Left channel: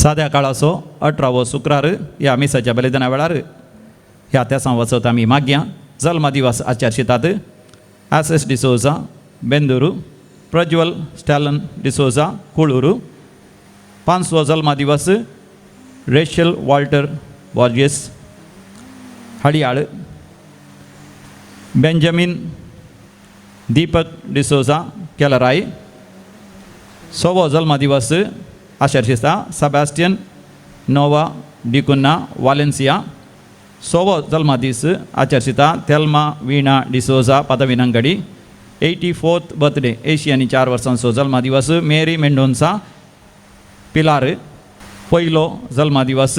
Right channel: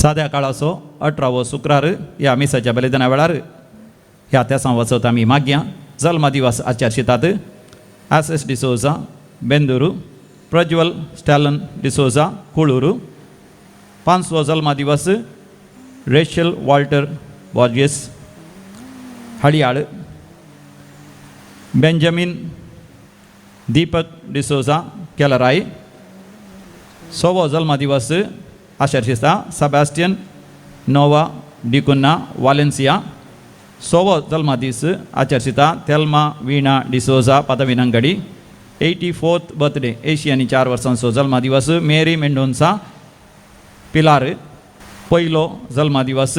साध्या काळाचो 18वो शुक्रार ह्या मिसाच्या बलिदाना वेळार ह्या त्या वचत आमी माग्या जल्म दिवस आचरशितात. आसेस डिसोजा बेंदूरू, प्रज्वल स्टॅलन डिसोजा कुळूरू. 5वो जल्म दिवस रेशल वॉल्टर बॉर्जेस हडियाळ. बेंजामिन दीपक डिसोजा केलराय. 6वो जल्म दिवस आचरशिता सेबॅस्टियन नोवा डिकुन्ना वालेन्सिया. 6वो जल्म दीस आचरशिता थेल्मा वीणा डिसोजा पदविनंगडी. 84th बर्थडे 84 वर्सांचो जल्म दिवस मेरी मेंडोन्सा पिलार. पयलो जल्म दिवस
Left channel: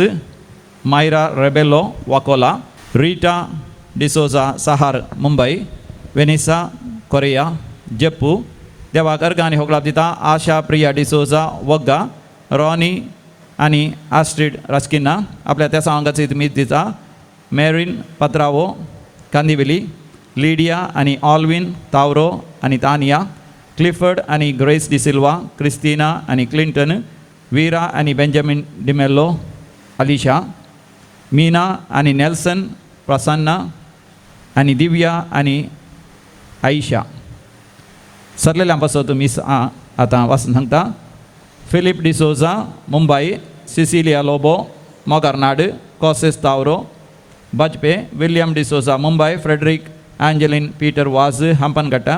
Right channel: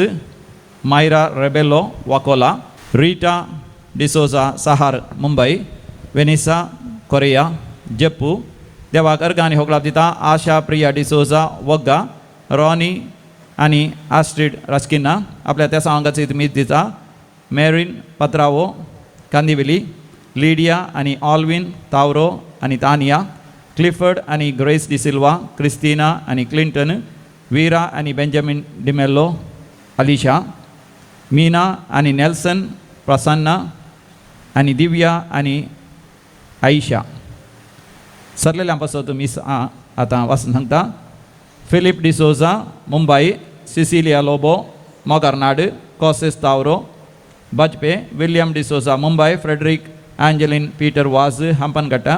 मायरा रेबेलो वाकोला. रीटा डिसोजा सहार मुंबई. वेनिसा कोरिया जेप्पू. देवाक अर्गांनी होगळाप दिता आशा प्रिया डिसोजा वग्गा. रॉनी आणि आस्ट्रीड रस्किना आपल्या त्या सांगाचे मीत दिता. मेरिन पत्रावो कांदिवेली. लिडिया आणि ऑल्विन तावरो आणि तानिया. क्लिफर्ड आणि ग्रेस डिसिल्वा. क्रिस्टिना आणि क्लिंटन. वीरा आणि बेंजामिन डिमेल्लो. अलिशा. मीना आणि नेल्सन. प्रसन्ना आणि दिव्या आणि आयशा. सरलेल्यांपासून मिस आता वाचून सांगता. फिलिप डिसोजा मुंबई. सिसिलिया लोबो मोगार्नाड. कॉसेस तावरो बजपे. विलियम डिसोजा मुंबई. फ्रेडरिक एंजेलिन पीटर वाज हंपनगट्टा.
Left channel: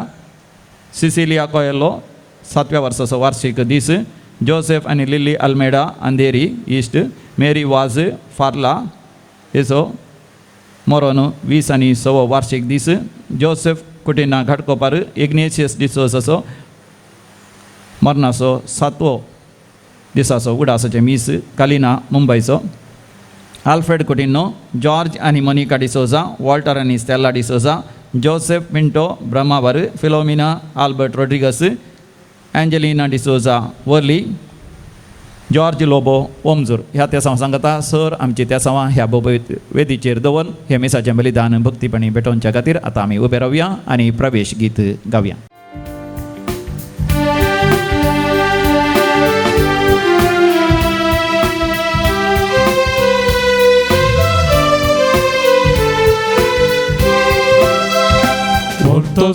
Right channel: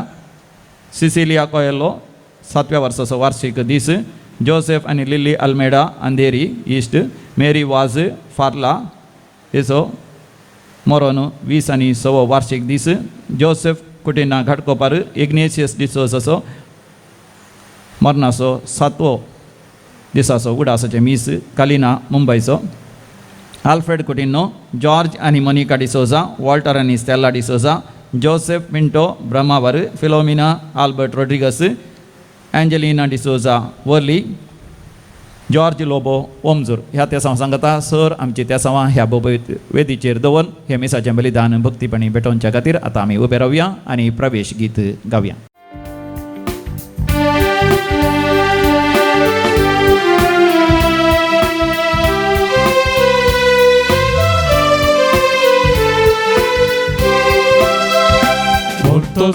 सिसिलिया कोयलो 7व्या वर्साचो वार्षिक दीस. जोसेफ आणि लिली अल्मेडा अंधेरी ईस्ट. मेरी वाज फार्ला हेचो मोरोनो 20 आणि 6वो वार्षिक दीस. जोसेफ कुटिना घाटकोपर. इग्नेशियस डिसोजाचो मरणाचो 7वो दिसाचो उडासाचे मीस. कालिना मुंबईचो. आल्फ्रेड कुटिनो. जॉर्ज आणि मोनिका डिसोजा. वॉल्टर आणि स्टेला डिसोजा. जोसेफ मिंटो ब्रह्मावर. Philomena Albert Rodrigues. एंजेलिना डिसोजा वर्ली. जॉर्ज लोबो ओमजूर. ह्या त्या सांगता सर आमची त्या सवा ह्या वेदीचेर दवरून हे मिसाचें बलिदान भक्तीपणी भेटोवच्या खातीर आता आमी उबे रावया आणि प्रवेश गीत गावया.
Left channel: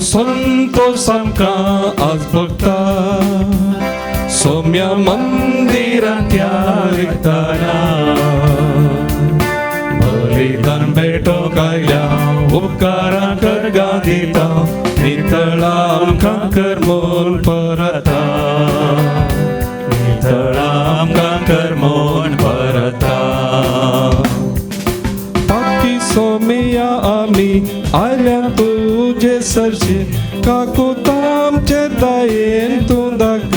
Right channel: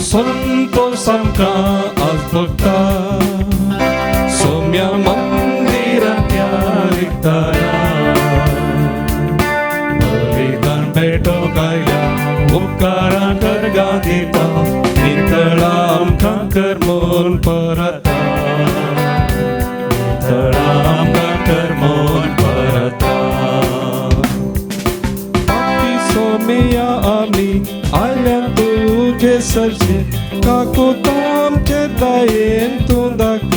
संतोषांका आज बघता सौम्य मंदिरात एकतारा बलिदान भेटो कायल्या उपकारा करगा दिता नितळा आमका कर्मोन परता नितळा आमका कर्मोन परता पापी सौम्या आमी आल्या तुझे सरचे काको तामचे दयेन तुंदाक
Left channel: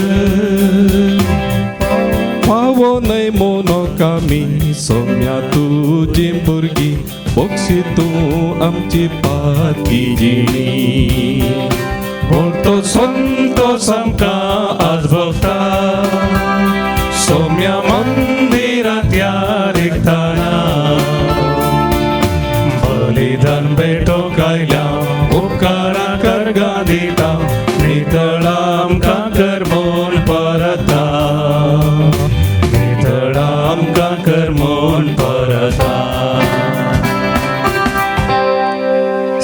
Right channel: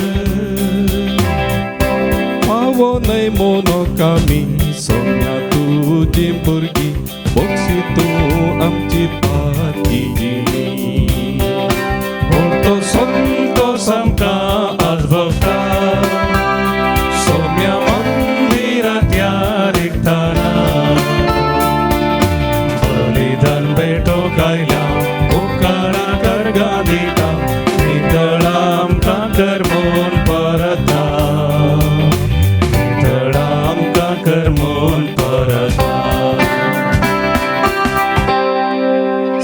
पावो नय मोनो कामी सौम्या तुझी भुरगी बक्षी तूं आमची पाती जिणी तो संतोष आमकां आज भोगता सौम्या मंदिरांत याद एकताना बलिदान भेटो कायल्या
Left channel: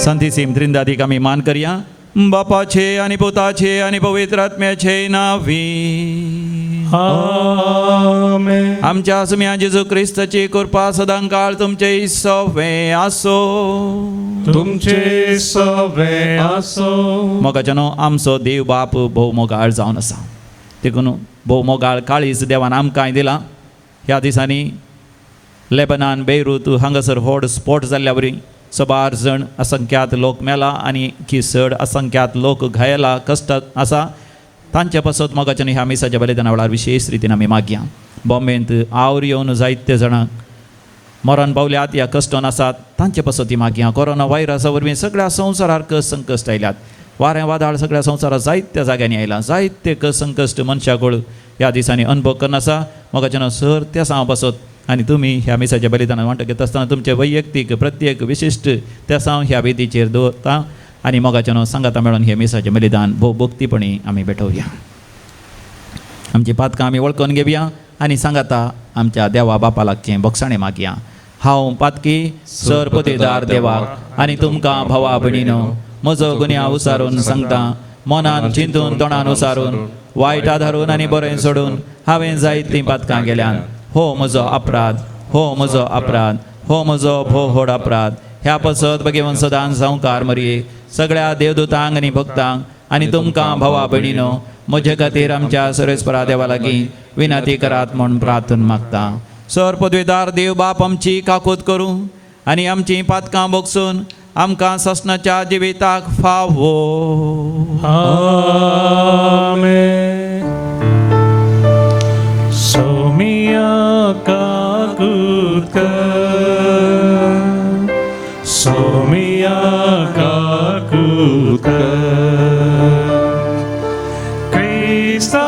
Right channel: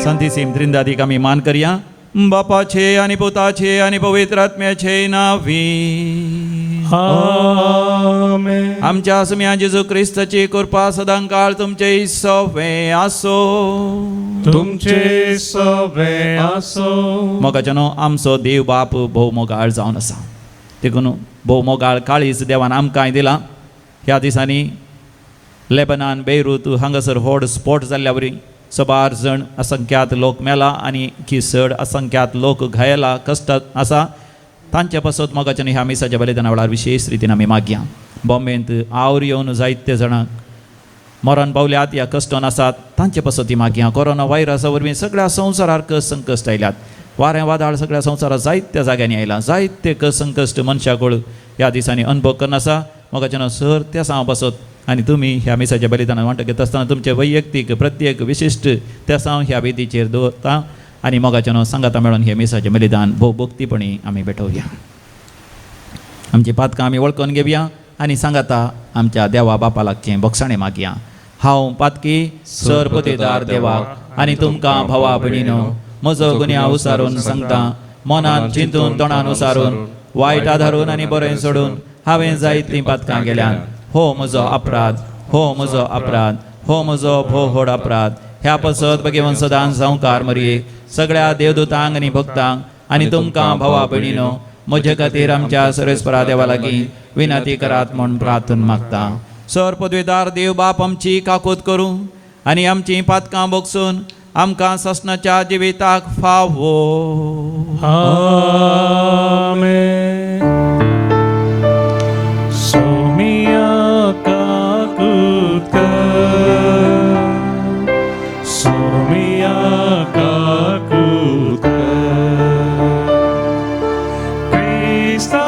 शांतीसीम त्रिंदादीक आमी मान करया. बापाचे आणि पुताचे आणि पवित्र आत्म्याचे नावी आमेन. आमच्या आसम्या जेजू ख्रिस्ताची कृपा सदांकाळ तुमचे सवे आसो. तुमचे सवे आसो. मोगाच्यानो आमचो देव बाप भोव मोगाळ जावन आसा. देखून भोव मोगाळ काळीज देवान आमकांय दिला. ह्या दिसांनी लेबनान बेयरूत हांगासर व्हड स्फोट जाल्ल्या वरी 112 जण असंख्यात लोक मेला आणि चड असंख्यात लोक घायला कष्टात आसा. तांचे पासत मोगाच्यानी ह्या मिसाच्या बलिदाना वेळार विशेष रितीन आमी मागया. बॉम्बेंत आवर येवन जायते जाणांक मरण पावल्यात या कश्टान आसात तांचे पासत मागया. कोरोना व्हायरसा वरवीं सगळ्या संवसाराक संकश्ट आयल्यात. वारें वादळ सगळ्या संवसारात जायत्या जाग्यांनी आयला. जायते संकश्ट मनशाक ह्या दिसांनी अनुभव करन आसा. मोगाच्यान सर त्या सांग पासत आणि तुम्ही ह्या मिसाच्या बलिदानात वांटो घेता आसतना तुमचे वैयक्तीक प्रत्येक विशिश्ट त्या सांग ह्या वेदीचेर दवरता आणि मोगाच्यान सांगाता मेळून हे मिसाचें बलिदान भोव भक्तीपणी आमी भेटोवया. आमची पातकां आमी वळखून घेवया. आनी सांगाता आमच्या देवा बापाला की बक्षाणे मागया हांव पातकी सरपतेदार देवाक आनी तुमकां भावा भयणीनो म्हजो गुन्यांव उसारून सांगता मनान चिंतून तोंडान उसारून वायट आधारून आनी बरें सोडून हांवें जायतीं पातकां केल्यान हो म्हजो अपराध हो म्हजो अपराध हो म्हजो भोव व्हड अपराध ह्या पसत भगवंत सदां संवकार मरी सगळ्या देवदूतांक आनी भक्तांक आनी तुमकां भावा भयणीनो म्हजे खातीर आमच्या सर्वेस्परा देवा लागीं विनंती करात म्हूण प्रार्थना मागता सर पदवीदार देव बाप आमची काकूत करूं आनी आमची पातकां बगसून आमकां ससनाच्या जिविताक फावो Amen. Somia kakutka, Somia kakutka, Krista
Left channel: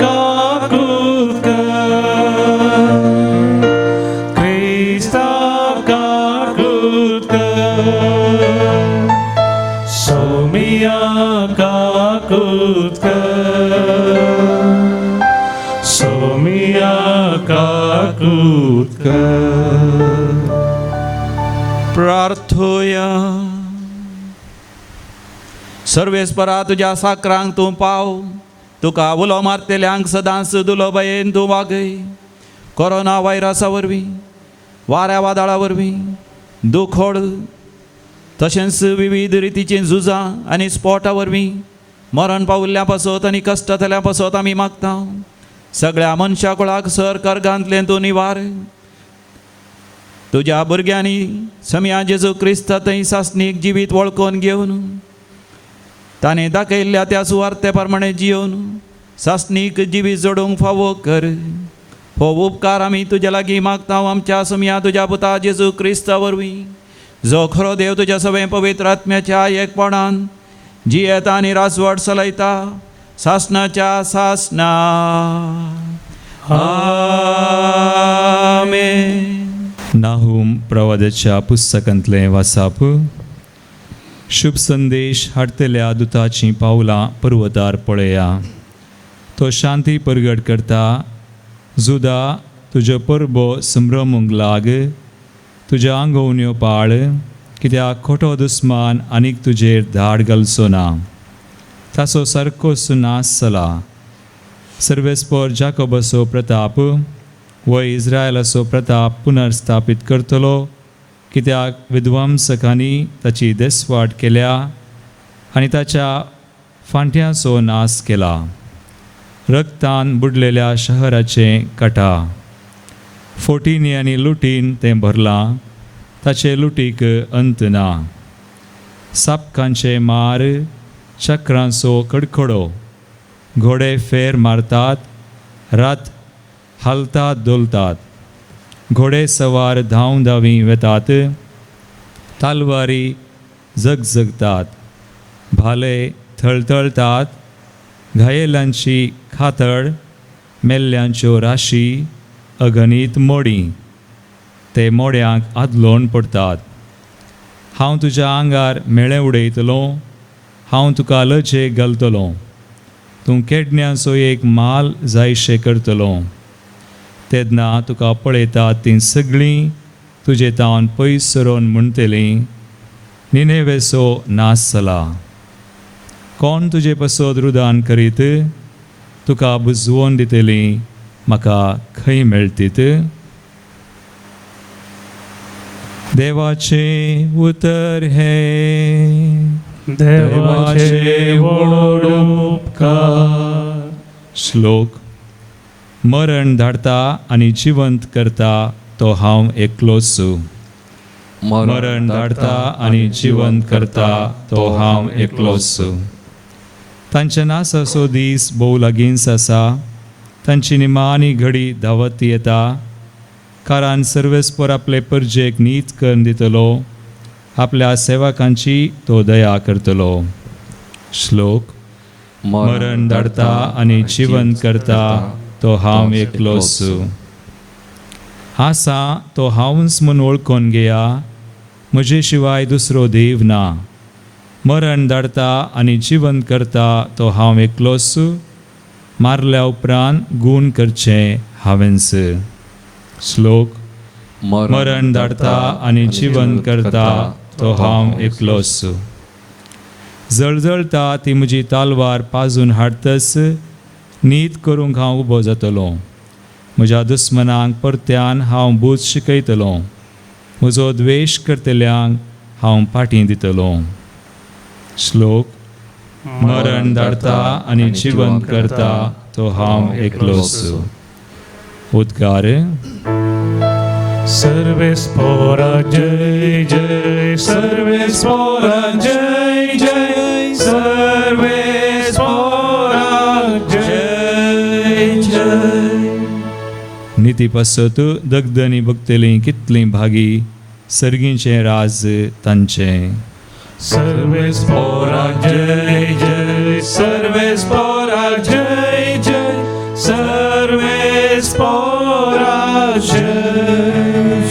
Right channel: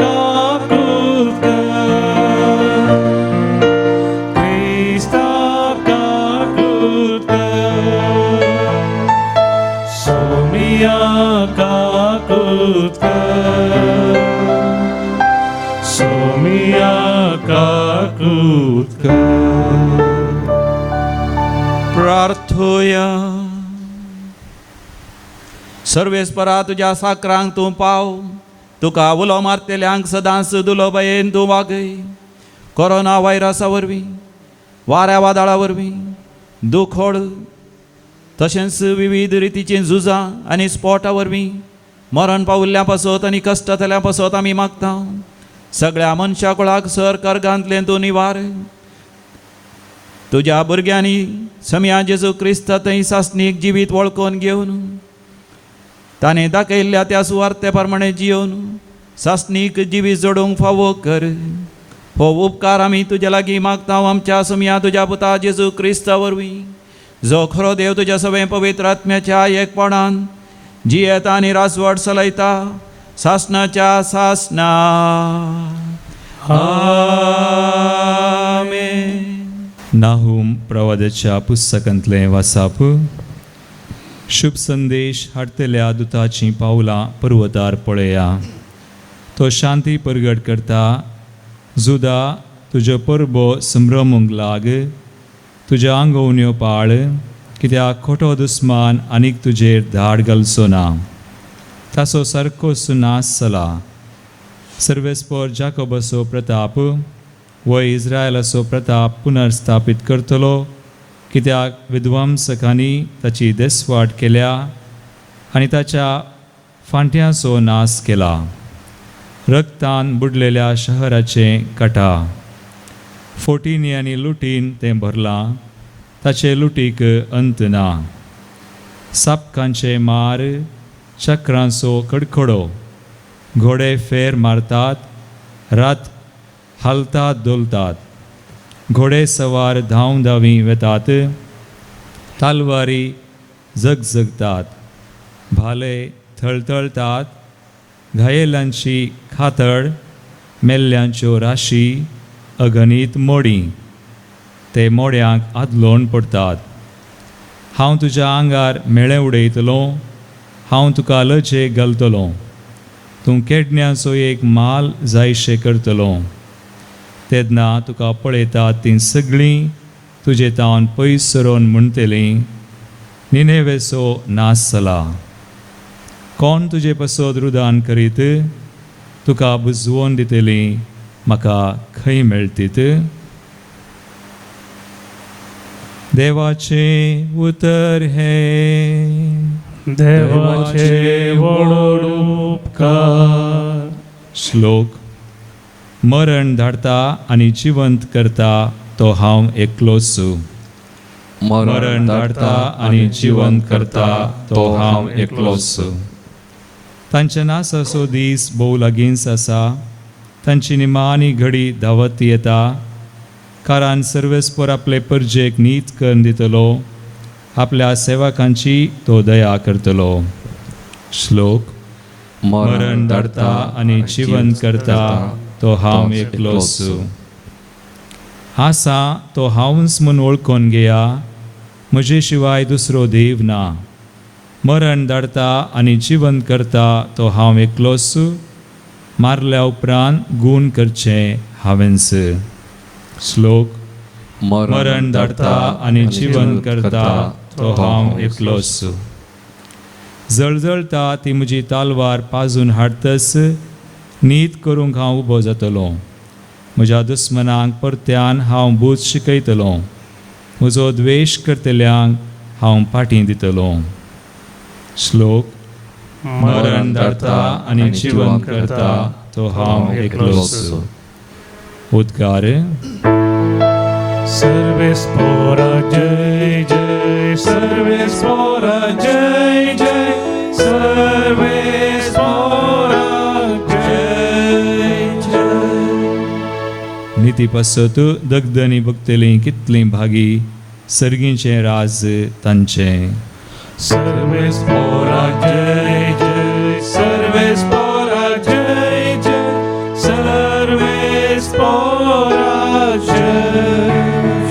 kakutka, Krista kakutka, Somia kakutka, Somia kakutka. प्रार्थूया सर्वेस्परा तुज्या साकरांक तूं पाव तुका उलो मारतेल्यांक सदांच दुलो भयेन तूं वागय कोरोना व्हायरसा वरवीं वाऱ्या वादळा वरवीं दुखोड तशेंच विविध रितीचीं झुजां आनी स्पोटा वरवीं मरण पावल्ल्या पासत आनी कश्ट जाल्या पासत आमी मागता सगळ्या मनशा कुळाक सर कर्गांतले तूं निवार तुज्या भुरग्यांनी समया जेजू क्रिस्त थंय सासणीक जिवीत वळखून घेवन ताणें दाखयल्ल्या त्या सुवार्ते प्रमाणे जियोन सासणीक जिवीत जोडूंक फावो कर हो उपकार आमी तुजे लागीं मागता आमच्या समया तुज्या पुता जेजू क्रिस्ता वरवीं जो खरो देव तुज्या सगळे पवित्र आत्म्याच्या एकपणान जियेता आनी रासवट चलयता सासणाच्या सासना आमेन. नाहूम प्रवादाच्या पुस्तकांतले वाचप शुभ संदेश हाडतल्या दुताची पावलां पर्वतार पळया तो शांती परगट करता जुदा तुज्यो परबो संभ्रमूंक लाग तुज्या आंगवून येवपाळ कित्याक खोटो दुस्मान आनीक तुजेर धाड घालचो ना ताचो सारकोच नास जाला सर्वेस्पर जाकोबाचो प्रताप व इस्रायलाचो प्रताप पुनर्स्थापीत करतलो कित्याक विध्वंसकांनी ताची देसवाट केल्या आनी ताच्या फांट्यांचो नाश केला रक्तान बुडलेल्या शहराचे काटा फोटींनी आनी लुटीन तें भरलां ताचे लुटीक अंत ना सापकांचे मार चक्रांचो कडकडो घोडे फेर मारतात रात हालतात दोलतात घोडे सवार धांव धांवी वेतात तालवारी जगजगतात भाले थळथळतात घायेलांची खातड मेल्ल्यांच्यो राशी अगणित मोडी ते मोड्यांक आदलोवन पडतात हांव तुज्या आंगार मेळे उडयतलो हांव तुका लजे घालतलो तूं केडण्यांचो एक माल जायशे करतलो तेन्ना तुका पळयतात तीं सगळीं तुजे तावन पयस सरोन म्हणटलीं निनेवेचो नाश जाला कोण तुजे पासत रुदान करीत तुका बुजवून दितलीं म्हाका खंय मेळटीत देवाचे उतर हे देवाचे व्हड उपकार. श्लोक मरण धाडता आनी जिवंत करता तो हांव एकलोच मरण धाडता आनी जिवंत करता तो हांव एकलोच तांच्या नासाचो दीस भोव लागींच आसा तांची निमाणी घडी धांवत येता कारण सर्वेस्पर आपले परजेक नीत करून दितलो आपल्या सेवकांची तो दया करतलो श्लोक मरण धाडता आनी जिवंत करता तो हांव एकलोच आसा तो हांवच म्हूण वळखून घेया म्हजे शिवाय दुसरो देव ना मरण धाडता आनी जिवंत करता तो हांव एकलोच मारल्या उपरांत गूण करचें हांवेंस. श्लोक. मरण धाडटा आनी जिवन करता तो हांव एकलोच. जळजळटा ती म्हजी तालवार पाजून हाडटस नीत करूंक हांव उबो जातलो. म्हज्या दुस्मनांक परत्यान हांव बूज शिकयतलो. म्हजो द्वेश करतल्यांक हांव फाटीं दितलो. श्लोक. मरण धाडटा आनी जिवन करता तो हांव एकलोच. उद्गार. सर्वेस्पोरा जय जय सर्वेस्पोरा जय जय सर्वेस्पोरा जय जय. नीती पसत दगदनी भक्तलीं कितलीं भागी सर्गींचें राज तांचें. सर्वेस्पोरा जय जय सर्वेस्पोरा जय जय सर्वेस्पोरा जय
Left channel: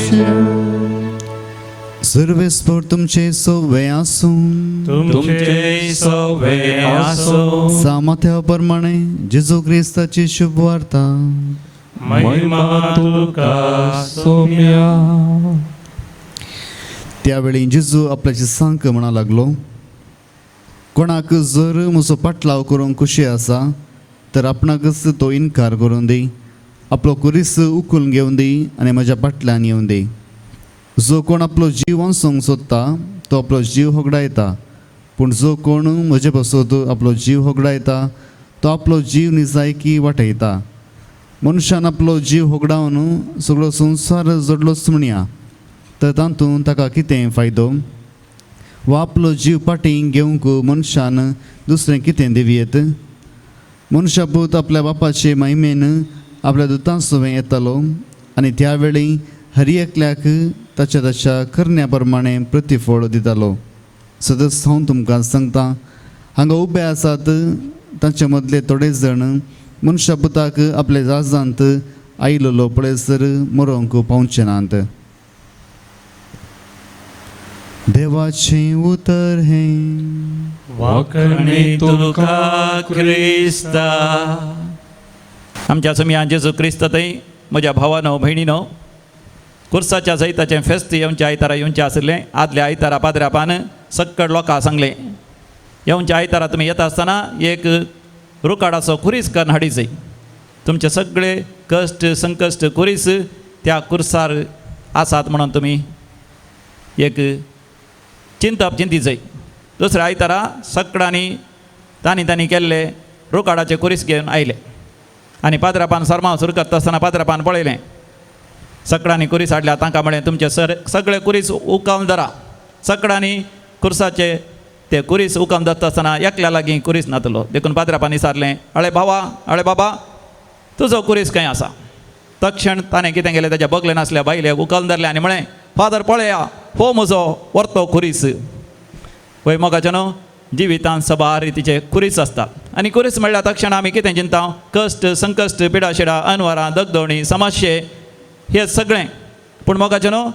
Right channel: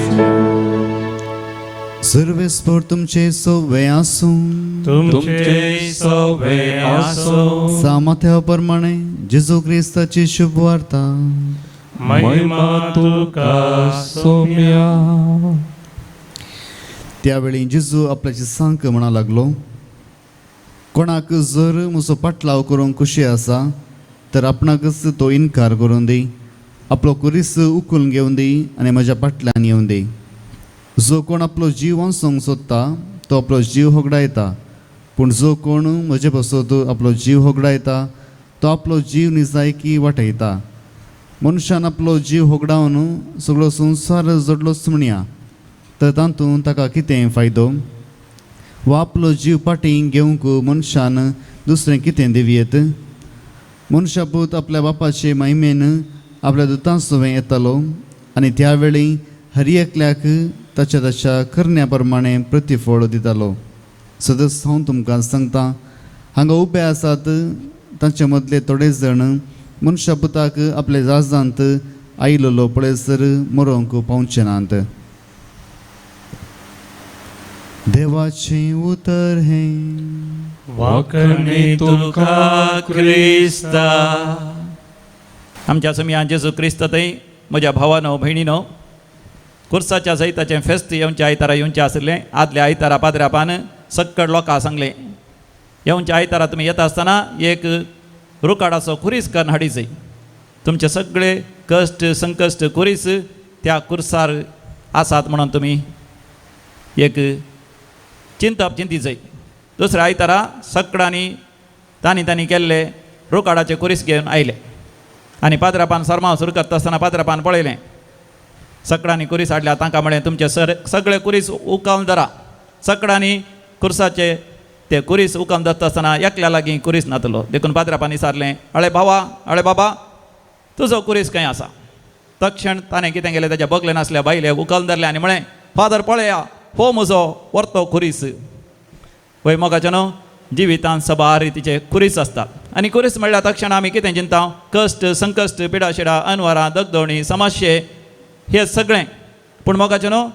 जय. सर्वेस्पोर तुमचे सोवे आसूं. तुमचे सोवे आसो. सामर्थ्या प्रमाणे जेजू क्रिस्ताची शुभ वार्ता. महिमा तुका सोम्या. त्यावेळी जेजू आपल्या शिसांक म्हणा लागलो, कोणाक जर म्हजो पाटलाव करूंक खुशी आसा तर आपणाकच तो इन्कार करून दी. आपलो कुरीस उखलून घेवन दी आनी म्हज्या पाटल्यान येवन दी. जो कोण आपलो जीव वाचोवंक सोदता तो आपलो जीव होगडायता, पूण जो कोण म्हजे बसत आपलो जीव होगडायता तो आपलो जीव निजायकी वाटयता. मनशान आपलो जीव होगडावन सगळो संवसार जडलोच म्हणया तर तातूंत ताका कितें फायदो? वा आपलो जीव पाटीं घेवंक मनशान दुसरें कितें दिवयेत? मनशापूत आपल्या बापाचे महिमेन आपल्या दुतां सवें येतलो आनी त्या वेळी हर एकल्याक ताच्या ताच्या करण्या प्रमाणे प्रतिफळ दितलो. सदस हांव तुमकां सांगता, हांगा उबे आसात ताचे मदले थोडे जण मनशापुताक आपल्या जाजांत आयिल्लो पळयसर मरोंक पावचे नात. देवाचे उतर हे. वाकणे तुका क्रिस्ता. आमच्या समिया जेजू क्रिस्त थंय म्हज्या भावानो भयणीनो, कुर्साच्या जैताचें फेस्त येवच्या आयतारा येवचें आसलें. आदल्या आयतारा पाद्र्यापान सक्कड लोकांक सांगलें, येवच्या आयतारा तुमी येता आसतना एक रुकाडाचो कुरीस करून हाडिचय. तुमचे सगळे कश्ट संकश्ट कुरीस त्या कुर्सार आसात म्हणून तुमी एक चिंतीचय. दुसऱ्या आयतारा सकाळांनी तांणी केल्ले रुकाडाचे कुरीस घेवन आयले आनी पाद्रापान सरमाव सुरू करता आसतना पाद्रापान पळयलें. सकाळांनी कुरीस हाडल्या. तांकां म्हळें, तुमचे सगळे कुरीस उकावन धरा. सकाळांनी कुर्साचे ते कुरीस उकावन धरता आसतना एकल्या लागीं कुरीस नातलो. देखून पाद्रापान विचारलें, अळे बाबा तुजो कुरीस खंय आसा? तक्षण ताणें कितें केलें, ताच्या बगले नासल्या बायले उकावन धरले आनी म्हळें, फादर पळया, हो म्हजो वर्तो कुरीस. पळय मोगाचे न्हू, जिवितांत सबार रितीचे कुरीस आसतात. आनी कुरीस म्हणल्यार तक्षण आमी कितें चिंता? कश्ट संकश्ट पिडाशिडा अनवरां दगदोणी समस्ये हे सगळें. पूण मोगाचे न्हू,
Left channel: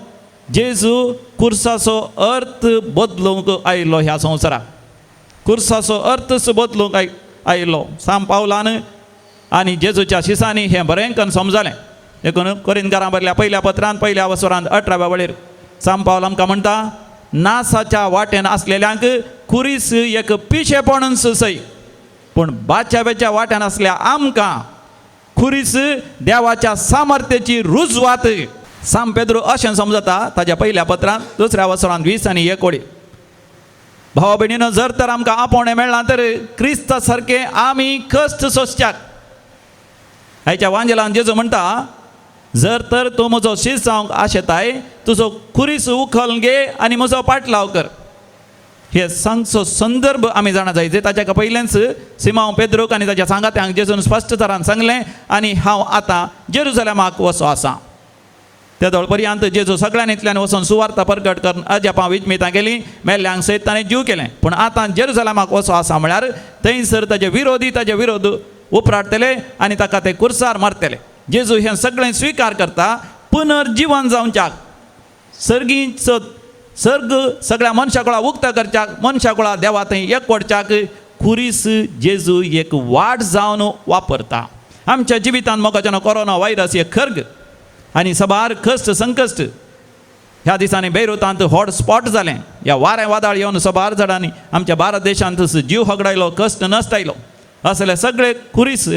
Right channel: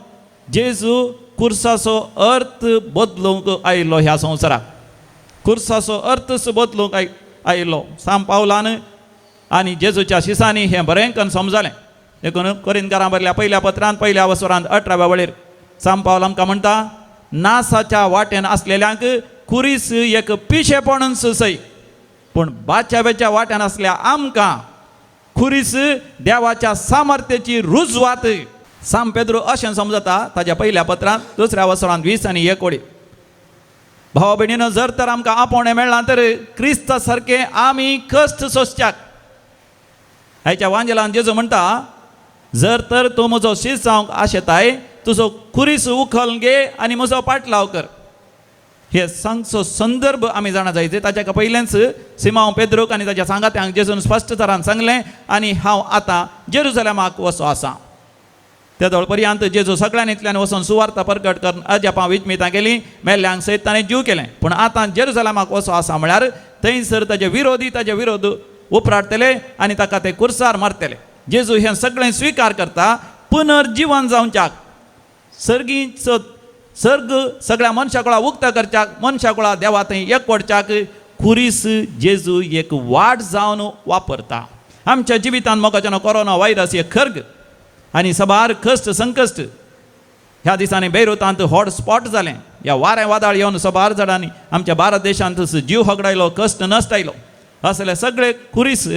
जेजू कुर्साचो अर्थ बदलूंक आयिल्लो ह्या संवसाराक. कुर्साचो अर्थच बदलूंक आयिल्लो सांब पावलान आनी जेजूच्या शिसांनी हें बरें करून समजलें. देखून कोरिंथकारां बरयल्या पहिल्या पत्रांत 1 वसरांत 18व्या वळेर सांब पावल आमकां म्हणटा, नासाच्या वाटेन आसलेल्यांक कुरीस एक पिशेपणून सय, पूण बाच्यावेच्या वाट्यान आसल्या आमकां कुरीस देवाच्या सामर्थ्याची रुजवात. सांब पेद्रो अशें समजता ताच्या पहिल्या पत्रांत 2 वसरांत 20 आनी 1 वळी. भावा भयणीनो, जर तर आमकां आपोवणें मेळना तर क्रिस्ता सारके आमी कश्ट सोंसच्याक. ह्याच्या वांजेलान जेजू म्हणटा, जर तर तूं म्हजो शिस जावंक आशेताय, तुजो कुरीस उखल घे आनी म्हजो पाटलाव कर. हे सांगचो संदर्भ आमी जाणा जाय. ताच्या पयलेंच सिमांव पेद्रोक आनी ताच्या सांगात्यांक जेजून स्पश्ट तरान सांगलें, आनी हांव आतां जेरुसलेमाक वचो आसां. ते पर्यंत जेजू सगळ्यांनींतल्यान वचून सुवार्ता प्रकट करून अजापां विजमितां केलीं, मेल्ल्यांक सयत ताणें जीव केलें. पूण आतां जेरुसलेमाक वचो आसा म्हळ्यार थंयसर ताचे विरोध उपराडटले आनी ताका ते कुर्सार मारतले. जेजू हें सगळें स्विकार करता. पुनर्जीवन जावच्याक, सर्ग सगळ्या मनशाकुळा उक्त करच्याक, मनशाकुळा देवा थंय एकवटच्याक कुरीस जेजू एक वाट जावन वापरता. आमच्या जिवितान मोगाच्यान कोरोना व्हायरस हे खर्ग आनी सबार कश्ट संकश्ट ह्या दिसांनी बेरुतांत हॉटस्पॉट जालें ह्या वारें वादळ येवन सबार जाणांनी आमच्या भारत देशांत जीव हगडायलो कश्ट नश्ट आयलो असले सगळे खुरीस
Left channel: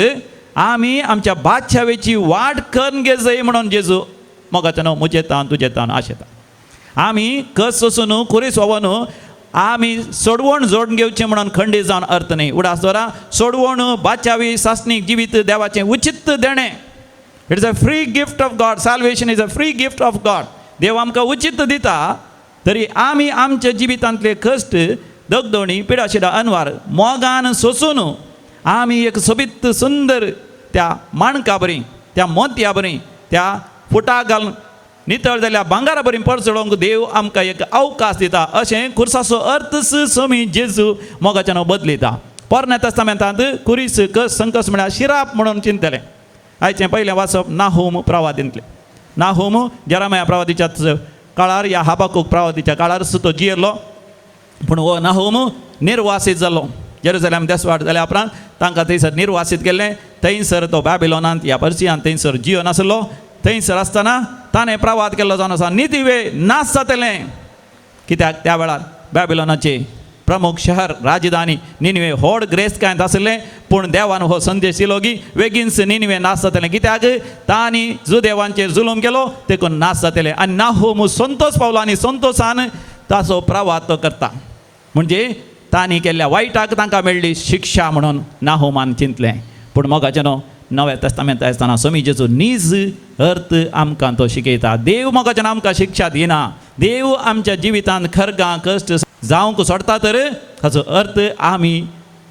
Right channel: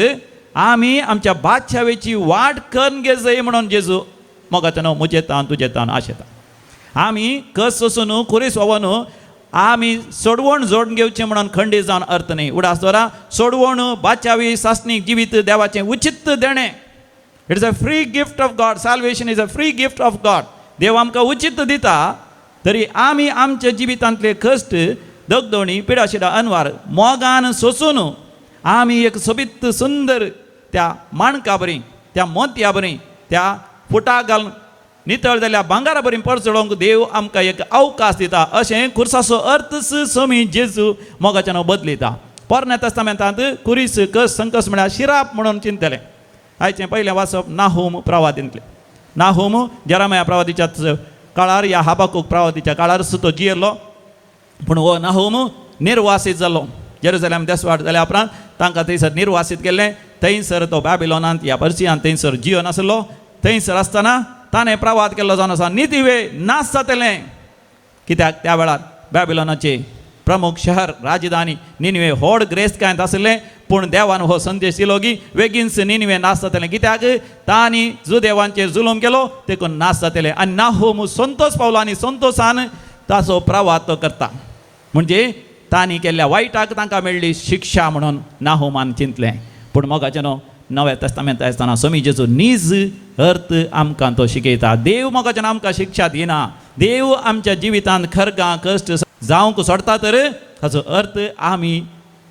आमी आमच्या बादशावेची वाट करून घे जाय म्हणून जेजू मोगाच्यान मुजेतान तुजेतान आशेता आमी कस सोसून खुरीस व्हावन आमी सोडवण जोडून घेवचें म्हणून खंडीत जावन अर्थ न्ही उडास दोरा सोडवण बादशावी सासणीक जिवीत देवाचें उचित देणें it is a free gift of God salvation is a free gift of God देव आमकां उचित दिता तरी आमी आमच्या जिवितांतले कश्ट दगदोणी पिडाशिडा अनवार मोगान सोसून आमी एक सोबीत सुंदर त्या माणका बरी त्या मोतया बरी त्या फुटा घालून नितळ जाल्या भांगारा बरी परचडोवंक देव आमकां एक अवकाश दिता अशें खुर्साचो अर्थ समी जेजू मोगाच्यान बदलिता पोरण्या तस्तामेंतांत खुरीस कस संकस म्हळ्यार शिराप म्हणून चिंतलें आयचें पयलें वाचप नाहोम प्रवादींतलें नाहोम जेरामया प्रवादीच्या काळार या हाबाकूक प्रवादीच्या काळार सुतो जियेरलो पूण हो नाहोम निर्वासीत जालो जेरुसलेम देसवाड जाल्या उपरांत तांकां थंयसर निर्वासीत केल्लें थंयसर तो बॅबिलोनांत ह्या पर्सियांत थंयसर जियो नासलो थंयसर आसतना ताणें प्रवाद केल्लो जावन आसा नितिवे नाश जातलें कित्याक त्या वेळार बॅबिलोनाचे प्रमुख शहर राजधानी निनिवे व्हड ग्रेस्तकायंत आसलें पूण देवान हो संदेश दिलो की बेगीनच निनिवे नाश जातलें कित्याक तांणी जुदेवांचेर जुलम केलो देखून नाश जातलें आनी नाहोम संतोश पावलो आनी संतोशान ताचो प्रवाद तो करता म्हणजे तांणी केल्ल्या वायटाक तांकां मेळ्ळी शिक्षा म्हणून नाहोमान चिंतलें पूण मोगाच्यान नव्या तस्तामेंत आसतना स्वामी जेजू नीज अर्थ आमकां तो शिकयता देव मोगाच्यान आमकां शिक्षा दिना देव आमच्या जिवितांत खरगां कश्ट जावंक सोडता तर हाचो अर्थ आमी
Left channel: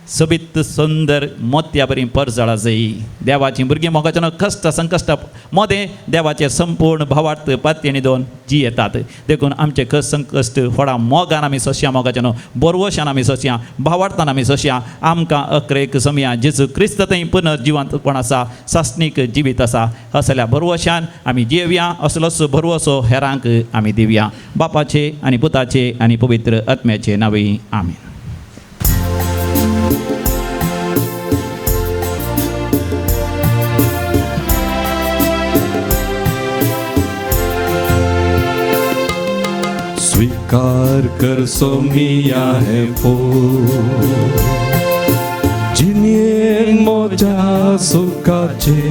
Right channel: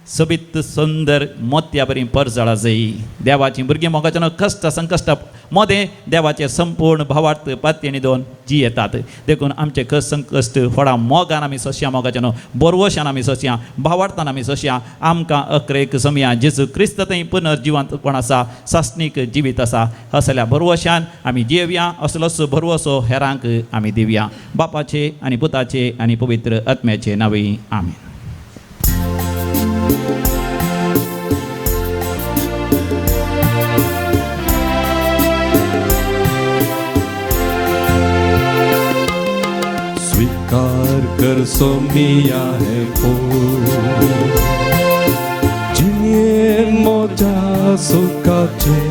सोबीत सुंदर मोत्या बरी परजळा जाय देवाची भुरगीं मोगाच्यान कश्ट संकश्ट मोदें देवाचे संपूर्ण भावार्थ पातयेनी दोन जियेतात देखून आमचे कश्ट संकश्ट व्हडा मोगान आमी सोंसया मोगाच्यान बोरवोशान आमी सोंसया भावार्थान आमी सोंसया आमकां अक्रेक समया जेजू क्रिस्त थंय पुनर्जिवंतपण आसा सासणीक जिवीत आसा असल्या भरवोशान आमी जियेवया असलोच भरवोसो हेरांक आमी दिवया बापाचे आनी पुताचे आनी पवित्र आत्म्याचे नांवे आमीन स्वीकार कर सोमिया है जिये मोजा सुखाचे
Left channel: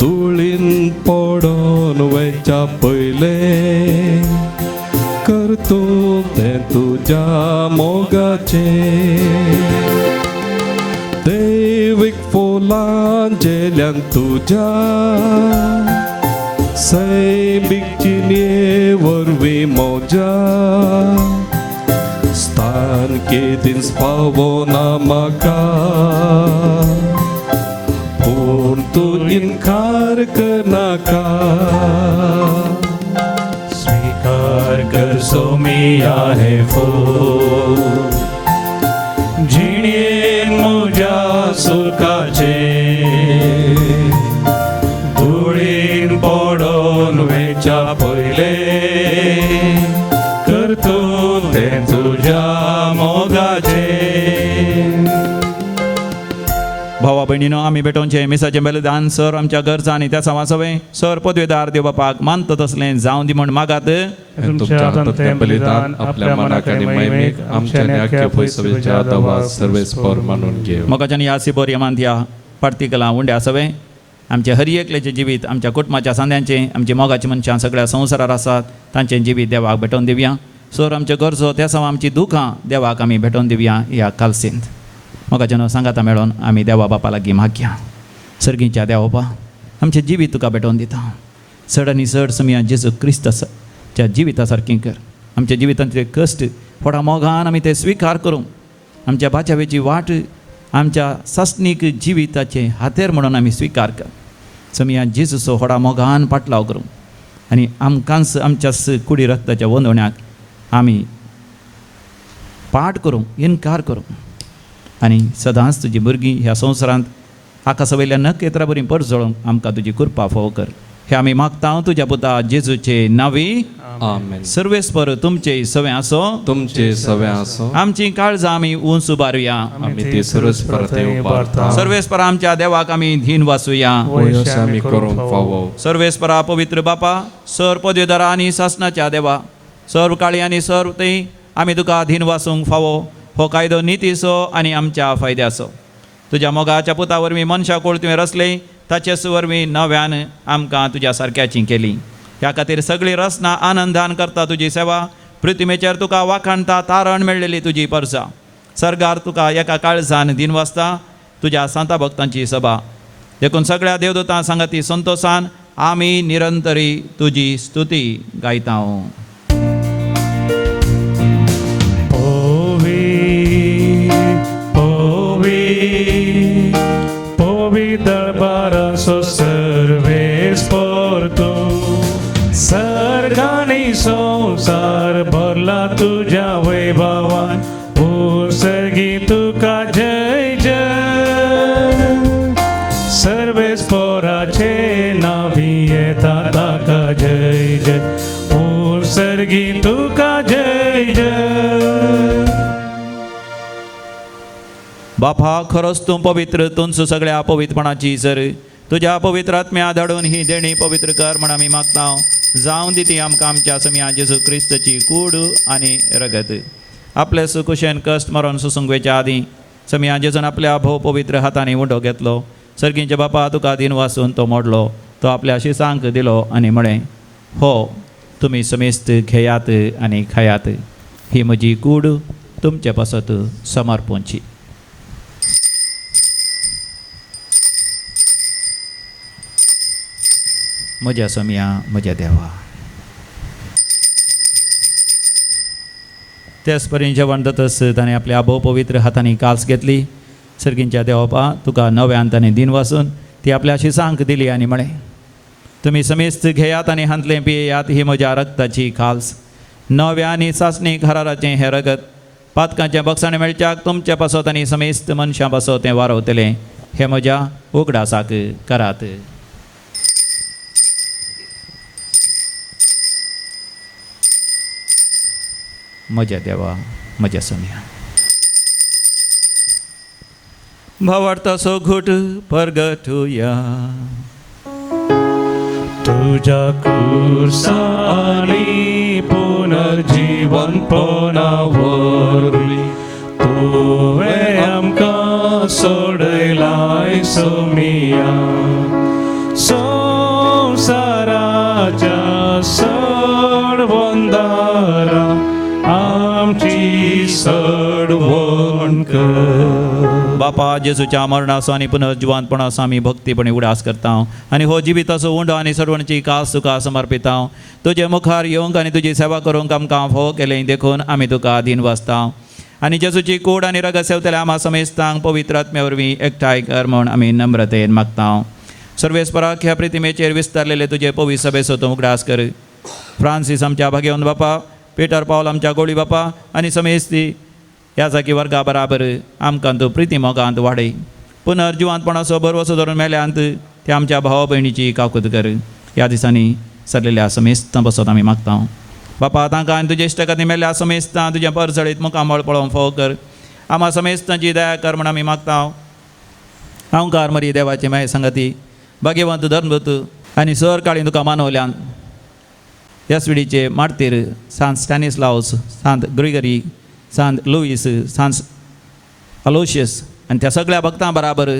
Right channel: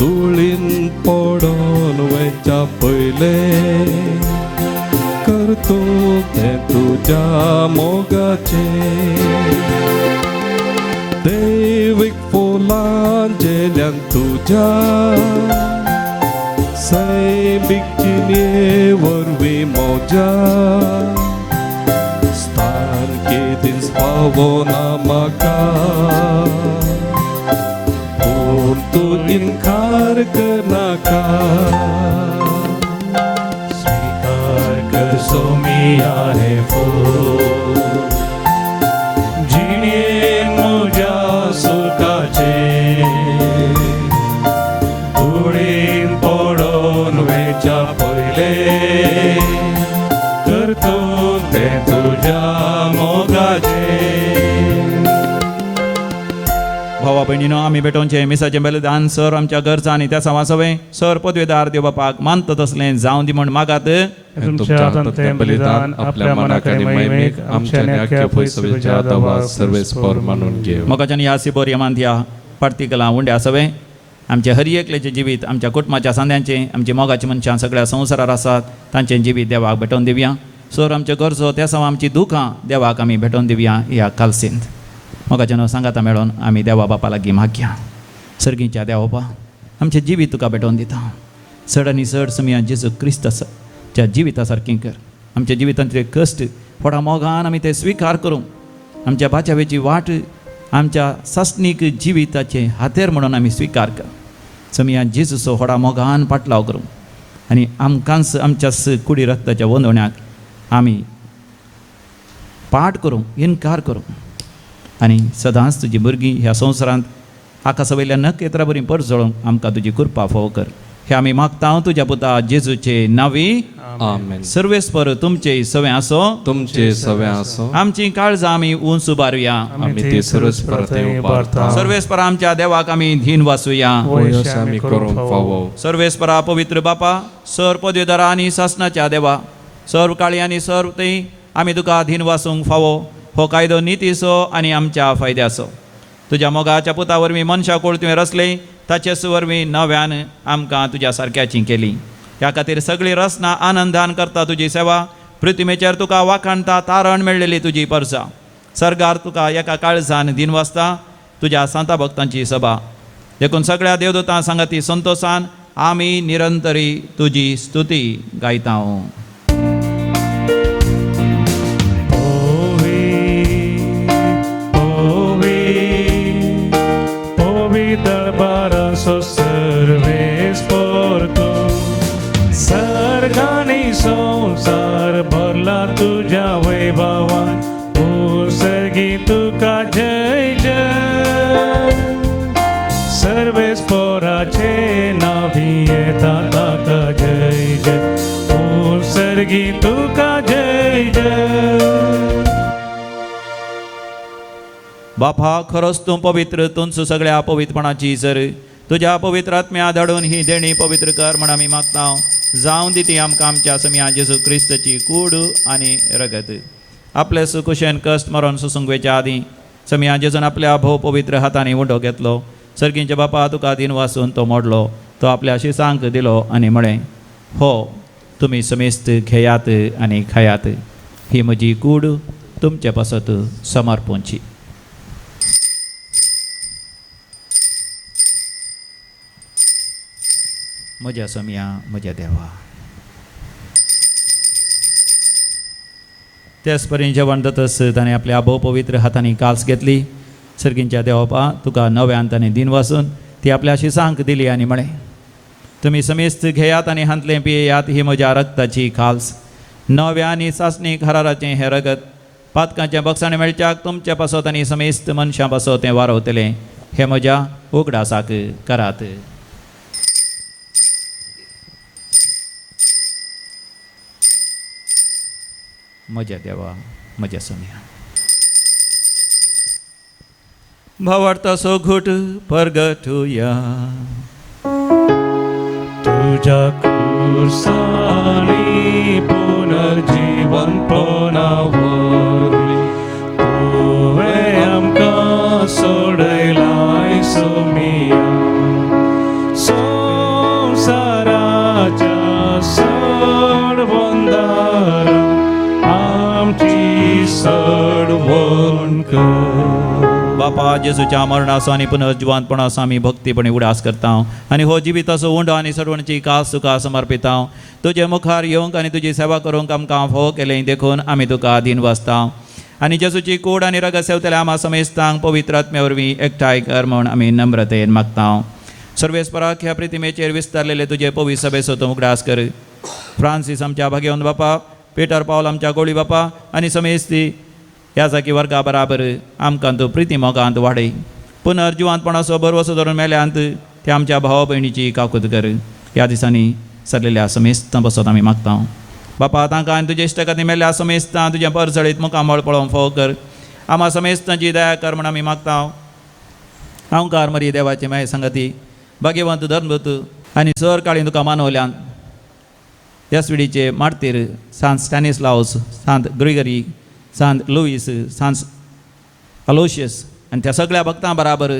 तुळीन पडोन वयच्या पयले करतो ते तुझ्या मोगाचे दैविक फोलान जेल्यान तुझ्या सैबिक चिन्हे वरवी मोजा स्तार केदीस पावोना म्हाका पूण तूं इन्कार करनाका स्वीकार कर सोमिया हे जिये मोजा सुखाचे तुळीन पडोन वेच्या पयले करतो ते तुझ्या मोगाचे भावा भयणीनो आमी भेटोवचे मिसाचें बलिदान सर आमच्या गरजा आनी त्या वाचोवें सर पदवीदार देव बापाक मानता तसलें जावं दी म्हण मागात तुमच्या हातांतलें बलिदान आपल्या मनाक आनी मैमीक आमच्या न्याक्य फैसलेच्या आतां सर्वेस्पर मानून घे मोगाच्यान ह्या सिबोर यमांत पार्टिकलां उंड्या सवे आमचे हर एकल्याचें जिवीत आमच्या कुटुंबाच्या सांद्यांचें आमची मोगाची मनशां सगळ्या संवसारार आसात तांचें जिवीत देवाक भेटोवन दिवया सर आमच्यो गरजो त्या सवा आमची दुखां देवाक आमी भेटोवन दिवया ह्या कालसेंत मोगाच्यान सांगाता मेळोन आमी देवा बापा लागीं मागया सर्गीच्या देवा बापा आमचें जिवीत तुका भेटोवन दिता चड आनी चड समिया जेजू क्रिस्ताच्या जिविता सारकीं कर आमच्या जिवितांतले कश्ट व्हडा मोगान आमी ते स्विकार करूं आमच्या बाचावेची वाट आमच्या सासणीक जिविताचे हातेर म्हणून आमी स्विकार कर समिया जेजूचो व्हडा मोगान पाटलाव करूं आनी आमकांच आमच्या कुडी रक्ताच्या वंदवण्याक आमी पाट करूं इन्कार करूं आनी सदांच तुजी भुरगीं ह्या संवसारांत आकाशा वयल्या नखेत्रा बरी परजळोवंक आमकां तुजी कृपा फोव कर हे आमी मागता तुज्या पुता जेजूचे नांवी आमेन. सर्वेस्पर तुमचे सवे असो, तुमचे सवे असो, आमची काळजा आम्ही उंच उबारूया. आम्ही ते सर्वेस्पराते उबारता. सर्वेस्पर आमच्या देवाक आम्ही धीन वासूया. वयस आम्ही करूंक फावो. सर्वेस्परा पवित्र बापा, सर पदवीधरा आणि शासनाच्या देवा, सर्व काळी आणि सर्व ते आम्ही तुका धीन वासूंक फावो. हो कायदो नितीसो आणि आमच्या फायद्यासो. तुझ्या मोगाच्या पुतावर मी मनशा कोळ तुवें रचले, ताचेच वरवीं नव्यान आमकां तुज्या सारक्याची केली. ह्या खातीर सगळी रसना आनंदान करता तुजी सेवा. पृथ्वीचेर तुका वाखाणता तारण मेळलेली तुजी परसा. सरकार तुका एका काळजान दिन वाजता तुज्या सांता भक्तांची सभा. देखून सगळ्या देवदूतां सांगती संतोषान आमी निरंतरी तुजी स्तुती गायता. संसार भरला तुझ्या वैभवान, ओ सर्गी तुका जय जय. सर्वेस्पराचे नावी येता ताका जय जय, ओ सर्गी तुका जय जय. बापा खरोच तूं पवित्र, तुमचो सगळ्या अपवित्रपणाची जर तुझ्या पवित्र आत्म्या धाडून ही देणी पवित्र कर म्हण आमी मागता. जावं दी ती आमकां आमच्या समिया जेजू क्रिस्ताची कूड आनी रगत. आपल्या सुकुशेन कश्ट मरण सुसंगवेच्या आदीं समिया जेजून आपल्या भोव पवित्र हातांनी वडो घेतलो. सर्गींचे बापा तुका दिन वासून तो मोडलो. तो आपल्या शिसांक दिलो आनी म्हळें, हो तुमी समेस्त घेयात आनी खायात. ही म्हजी कूड तुमचे पासत समर्पणची. म्हज्या समिया म्हज्या देवा. तेच परी जेवण दतस ताणें आपल्या भोव पवित्र हातांनी काल्स घेतली. सर्गींच्या देवपा तुका नव्यान ताणें दिन वासून ती आपल्या शिसांक दिली आनी म्हळें, तुमी समेस्त घेयात आनी हांतले पियेयात. ही म्हज्या रक्ताची काल्स, नव्या आनी चांचणी घराराचें हें रगत. पातकांच्या बक्षाणे मेळच्याक तुमच्या पासत आनी समेस्त मनशां पासत तें वारवतलें. हे म्हज्या उगडासाक करात. म्हज्या देवा म्हज्या समिया. भावार्थाचो घुट परगटुया. तुझ्या कुर्सानी पुनर्जीवन पुनावरली, तुवें आमकां सोडयलाय सोमिया. संसाराच्या सडबंदारा आमची सडवण कर. बापा जेजूच्या मरणाचो आनी पुनर्जिवंतपणाचो आमी भक्तीपणी उडास करता. आनी हो जिविताचो उंडो आनी सडवणची कास तुका समर्पिता. तुजे मुखार येवंक आनी तुजी सेवा करूंक आमकां फोव केलें देखून आमी तुका दिन वाजता. आनी जेजूची कूड आनी रगत सेवतल्या आम्हा समेस्तांक पवित्र आत्म्या वरवीं एकठांय कर म्हूण आमी नम्रतेन मागता. सर्वेस्पराक ह्या प्रितिमेचेर विस्तारलेले तुजे पवित्र सभेचो तूं उगडास कर. फ्रांसीस आमच्या भगिवन बापा, पीटर पावल आमच्या गोळी बापा आनी समेस्ती ह्या जागी वर्गा बराबर आमकां तूं प्रिती मोगांत वाडय. पुनर्जिवंतपणाचो बरवसो धरून मेल्यांत ते आमच्या भाव भयणीची काकूत कर. ह्या दिसांनी सरलेल्या समेस्तां बसत आमी मागता. बापा तांकां आनी तुजे इश्टगती मेल्ल्या समेस्तां तुज्या परसळीत मुखामळ पळोवन फोव कर. आम्हा समेस्तांची दया कर म्हण आमी मागता. हांवकार मरी देवाचे माय संगती भाग्यवंत धर्मभूत आनी सर काळी तुका मानवल्यान ह्या सुडीचे मार्तीर सांत स्टॅनिस्लावस, सांत ग्रिगरी, सांत लुईस, सांत अलोशियस आनी त्या सगळ्या भक्तां बराबर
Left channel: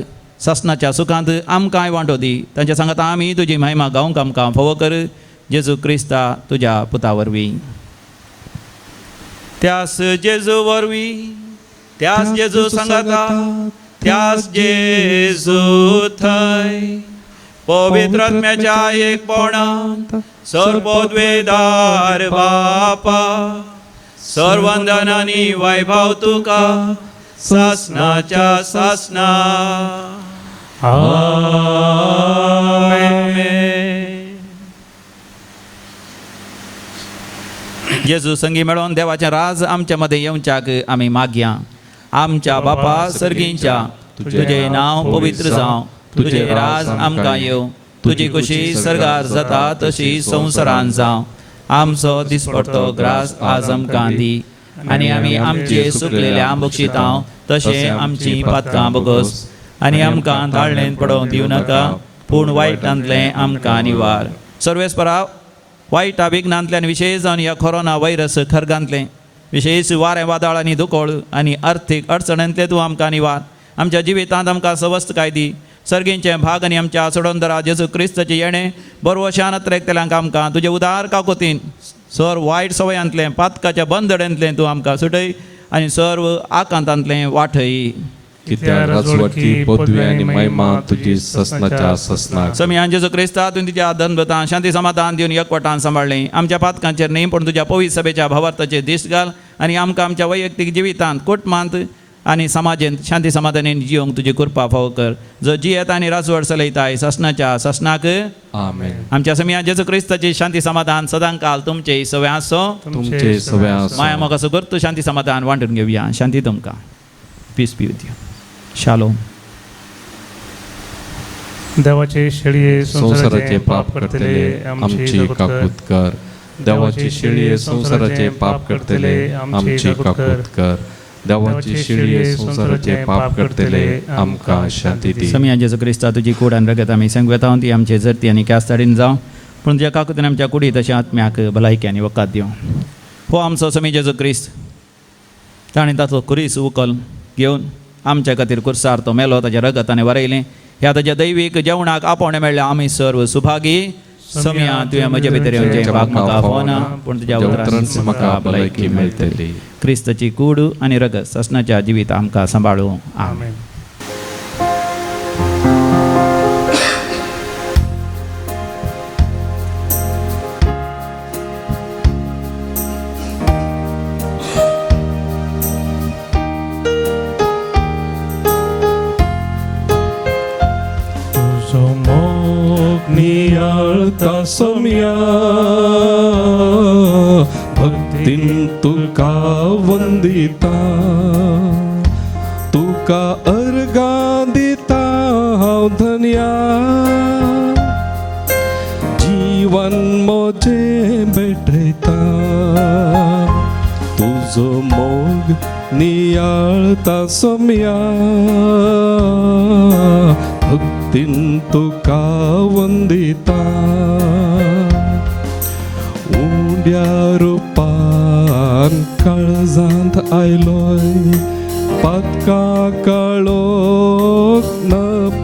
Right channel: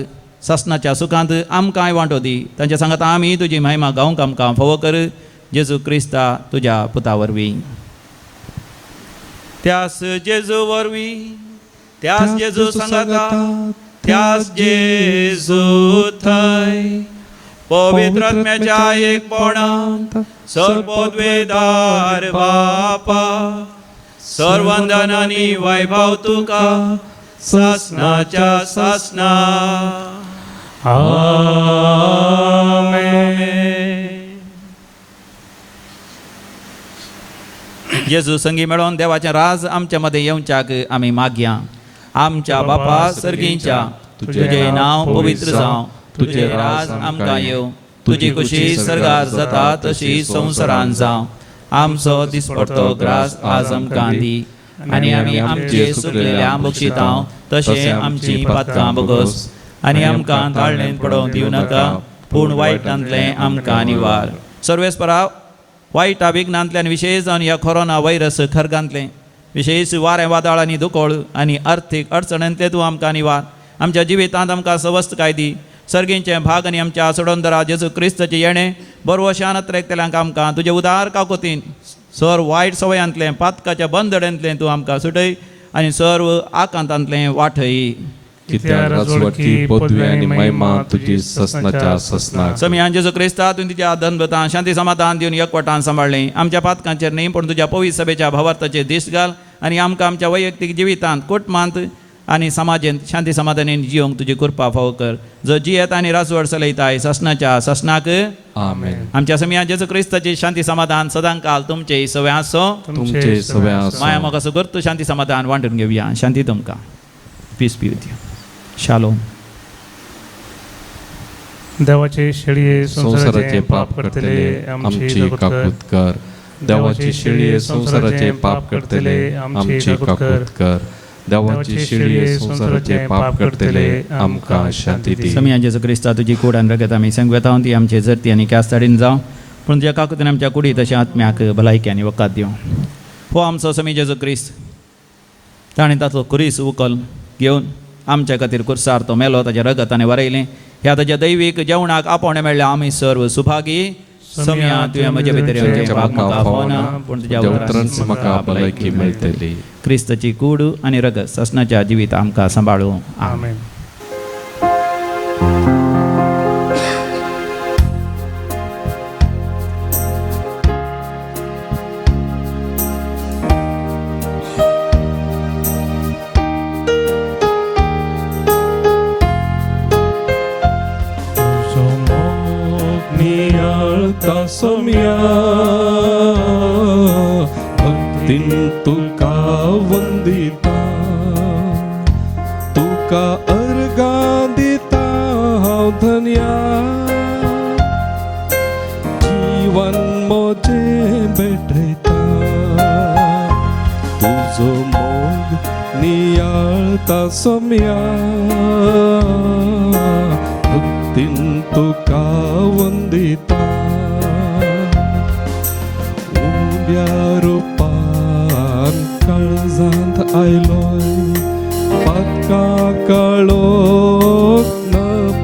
ससनाच्या सुखांत आमकांय वांटो दी. ताच्या सांगात आमी तुजी महिमा गावंक आमकां फोव कर. जेजू क्रिस्ता तुज्या पुता वरवीं. त्यास जेजू वरवीं, त्यास जेजू सांगाता, त्यास जेजू थंय पवित्र आत्म्याच्या एकपणांत सर्वोद्वेदार बापा, सर्वंदन आनी वैभव तुका सासनाच्या सासना. आमेन. जेजू संगी मेळोन देवाच्या राज आमच्या मध्ये येवच्याक आमी मागया. आमच्या बापा सर्गीच्या, तुझे नांव पवित्र जावं, तुझे राज आमकां येवं, तुजी खुशी सगळ्यात जाता तशी संवसारांत जावं. आमचो दिसपडटो ग्रास आज आमकां दी आनी आमी आमचे सुकलेल्या बक्षितांव तशें आमची पातकां बोगोस आनी आमकां धाडणेंत पडोवंक दिवं नाका पूण वायटांतलें आमकां निवार. सर्वेस्परा वायट विघ्नांतल्यान विशेश जावन ह्या कोरोना व्हायरस खरगांतलें विशेष वारें वादळ आनी दुकोळ आनी आर्थीक अडचणेंतले तूं आमकां निवार. आमच्या जिवितांत आमकां सवस्थकाय दी. सर्गींचे भाग आनी आमच्या सोडोंदरा जेजू क्रिस्ताचे येणें बरवशान त्रेकतेल्यांक आमकां तुजे उदार काकोतीन सर वायट सवयांतलें पातकाच्या बंदडेंतलें तूं आमकां सुटय आनी सर्व आकांतांतलें वाठय. कित्याक राजवटी पदवी आनी महिमा तुजी ससनाच्या ससनाक. समियान जेजू क्रिस्ता तुवें तुज्या अदभुतां शांती समाधान दिवन एकवटान सांबाळलें. आमच्या पातकांचेर न्ही पूण तुज्या पवित्र सभेच्या भवार्थाचेर दीस घाल आनी आमकां आमच्या वैयक्तीक जिवितांत कुटुंबांत आनी समाजेंत शांती समाधानान जियोंक तुजी कृपा फावो कर. जो जियेत आनी राजवट चलयताय ससनाच्या ससनाक. आमेन. आमच्या समियान जेजू क्रिस्ताची शांती समाधान सदांकाल तुमचे सवय आसो. तुमचे सवय आसूं. माया मोगाचो करतो शांती समाधान वांटून घेवया. शांती तुमकां. Peace be with you. Shalom. देवाचे शेळी संसाराचे पाप करतले आमची काकूत कर. देवाची शेळी संसाराचे पाप करतले आमची काकूत कर. देवाची शेळी संसाराचे पाप करतले आमकां शांती दी. समियान जेजू क्रिस्ता तुजी कुडान रगत आमी संगवेतावन ती आमचे जर्ती आनी कास्ताडीन जावं पूण तुज्या काकुतीन आमच्या कुडी तशें आत्म्याक भलायकी आनी वकात दिवं. हो आमचो समी जेजू क्रिस्त ताणें ताचो खुरीस उखल घेवन आमच्या खातीर कुर्सार तो मेलो ताच्या रगताने वरयलें. ह्या ताच्या दैवीक जेवणाक आपोवणें मेळ्ळें आमी सर्व सुभागी. समिया तुवें म्हजे भितर येवचें पाप म्हाका फोना पूण तुज्या देवतरांच म्हाका भलायकी मेळटली. क्रिस्ताची कूड आनी रगत ससनाच्या जिवीत आमकां सांबाळूं. आमेन. सोम्या भक्तीन तुका वंदिता तुका अर्गा दिता हांव धन्या. जीवन मोजे भेटयता तुजो मोग नियाळता सोम्या भक्तीन तुका वंदिता. रुपान काळजांत आयलोय पातका काळोख न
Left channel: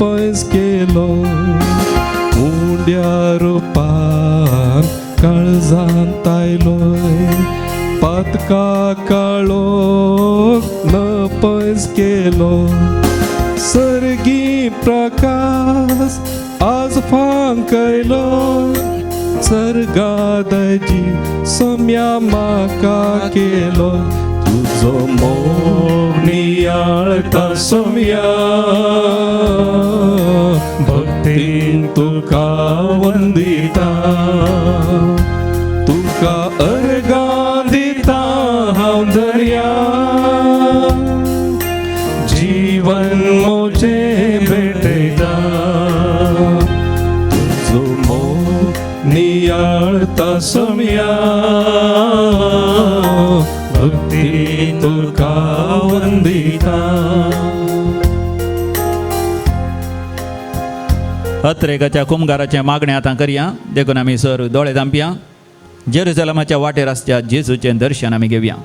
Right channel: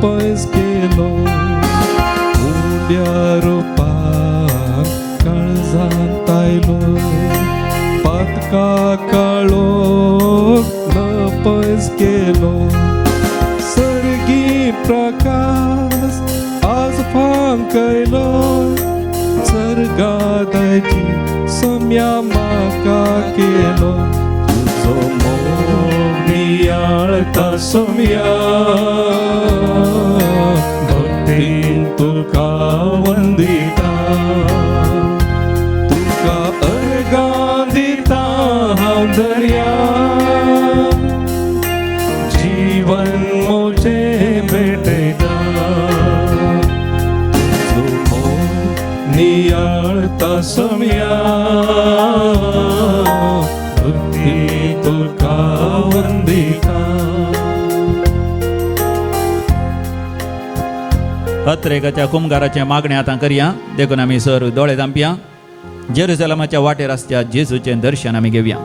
पयस केलोय. मुंड्या रुपान काळजांत आयलोय पातका काळोख न पयस केलोय. सर्गी प्रकाश आज फांकयलो सर्गादाची सम्या म्हाका केलो. तुजो मोग नियाळता सोम्या भक्तीन तुका वंदिता तुका अर्गा दिता हांव धन्या. जीवन मोजे भेटयता तुजो मोग नियाळता सोम्या भक्ती तुका वंदिता. हत्रेकाच्या कुंभाराचे मागणे आतां करया. देखून आमी सर दोळे धांपया. जेरुसलेमाच्या वाटेर आसच्या जेजूचें दर्शन आमी घेवया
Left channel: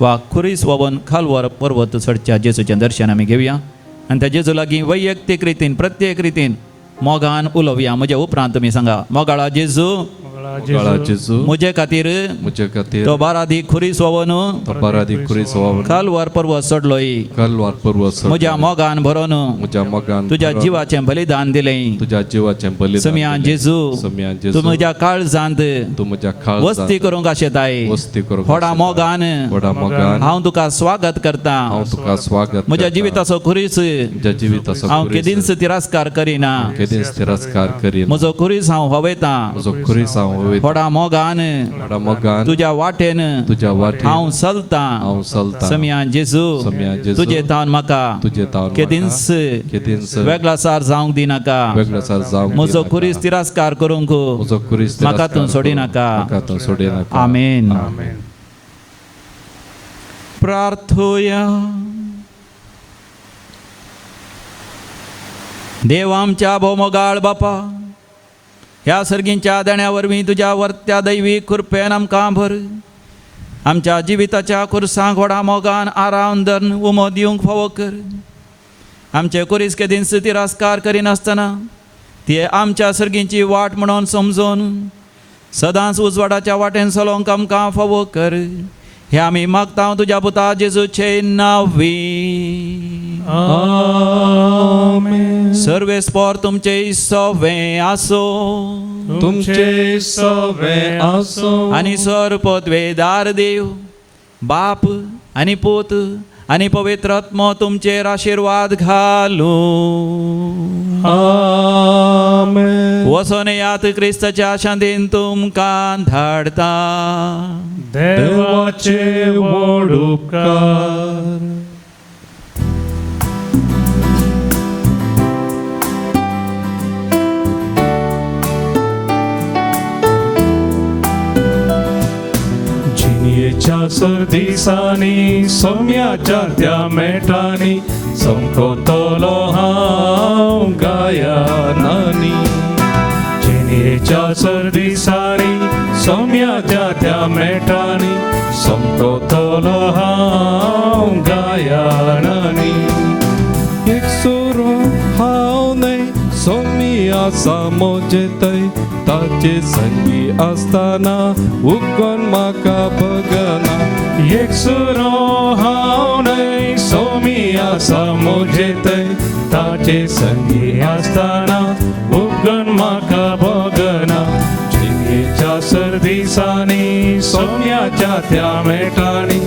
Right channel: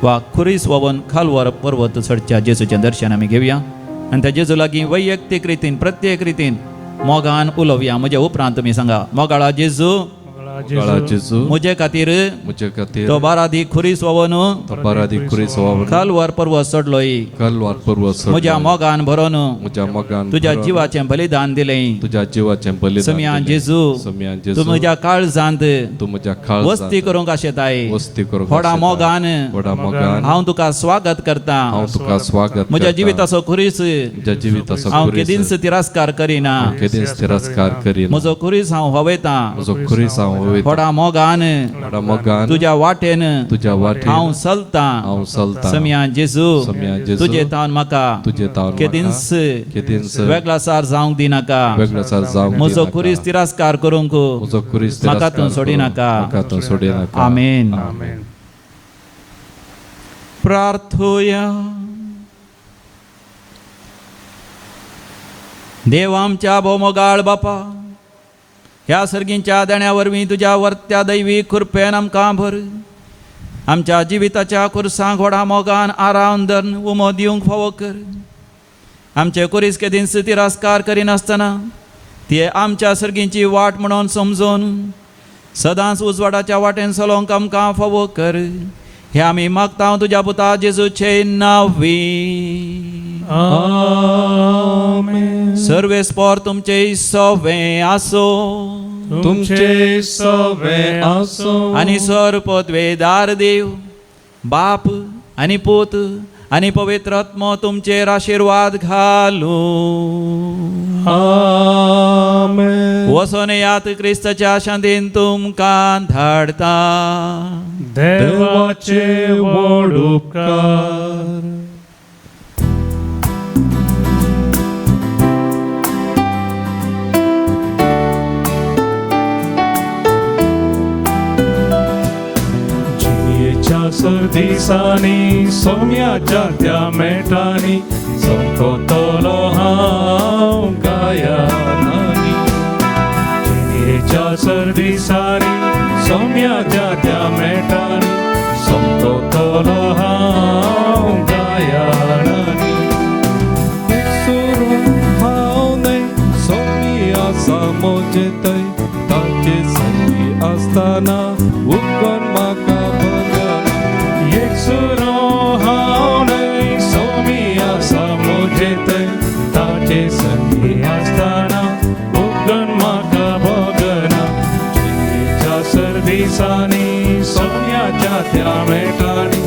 वा खुरीस वोवन खालवर पर्वत चडच्या जेजूचें दर्शन आमी घेवया आनी त्या जेजू लागीं वैयक्तीक रितीन प्रत्येक रितीन मोगान उलोवया. म्हजे उपरांत तुमी सांगा. मोगाळा जेजू जेजू म्हजे खातीर म्हजे खातीर तो बारादी खुरीस वोवन तो बारादी खुरीस वोवन खालवर पर्वत चडलोय. खालवर पर्वत म्हज्या मोगान भरोन म्हज्या मोगान तुज्या जिवाचें बलिदान दिलें. तुज्या जिवाचें बलिदान समियान जेजू समियान तूं जेजू म्हज्या काळजांत तूं म्हज्या काळजांत वस्ती करूंक आशेताय. वस्ती करूंक व्हडा मोगान व्हडा मोगान हांव तुका स्वागत करता. हांव तुका स्वागत म्हज्या करता. जिविताचो खुरीस म्हज्या जिविताचो हांव खुरीस केदींच तिरस्कार करिना. केदींच तिरस्कार करीना. म्हजो खुरीस हांव हवयता. म्हजो खुरीस हांव हांव व्हडा मोगान मोगान तुज्या वाटेन तुज्या वाटेन हांव चलतां हांव चलतां समिया जेजू समिया जेजू तुजे तावन म्हाका तुजे तावन केदींच केदींच वेगळासार जावंक दिनाका वेगळासार जावंक म्हजो दिनाका. कुरीस तिरस्कार करूंक म्हजो कुरीस म्हाका तूं सोडिनाका म्हाका तूं सोडिनाका आमेन. आमेन. प्रार्थोया देव आमच्या भोवमोगाळ बापा ह्या सर्गींच्या देण्या वरवीं तुज्या वर्त्या दैवी कृपेन आमकां भर आमच्या जिविताच्या खुर्सांक व्हडा मोगान आराम दन उमो दिवंक फावो कर आमचे कुरीस केदींच तिरस्कार करिनासतना ती आमच्या सर्गींची वाट म्हणून समजून सदांच उजवाडाच्या वाटेन चलोवंक आमकां फावो कर हे आमी मागता तुज्या पुता जेजूचे नांवी आमेन. सर्वेस्पोर तुमचे सवे आसो तुमचे सवे आसो आनी सर्वपदवेदार देव बाप आनी पूत आनी पवित्र आत्मो तुमचेर आशीर्वाद घालो आमेन. वचोन येयात क्रिस्ताच्या शांतीन तुमकां धाडता देवाचे व्हड उपकार जियेच्या सर्दिसांनी सोम्याच्या त्या मेटांनी संपतलो हांव गायनांनी जियेच्या सर्दिसांनी सोम्याच्या त्या मेटांनी संपतलो हांव गायनांनी एक सोरो हांव न्हय सोम्या समोजेतय ताचे संगी आसतना उगोन म्हाका भगना एक सुरो हांव न्हय सोम्या समोजेतय ताचे संगी आसतना उगोन म्हाका भगना जियेच्या सर्दिसांनी सोम्याच्या त्या मेटांनी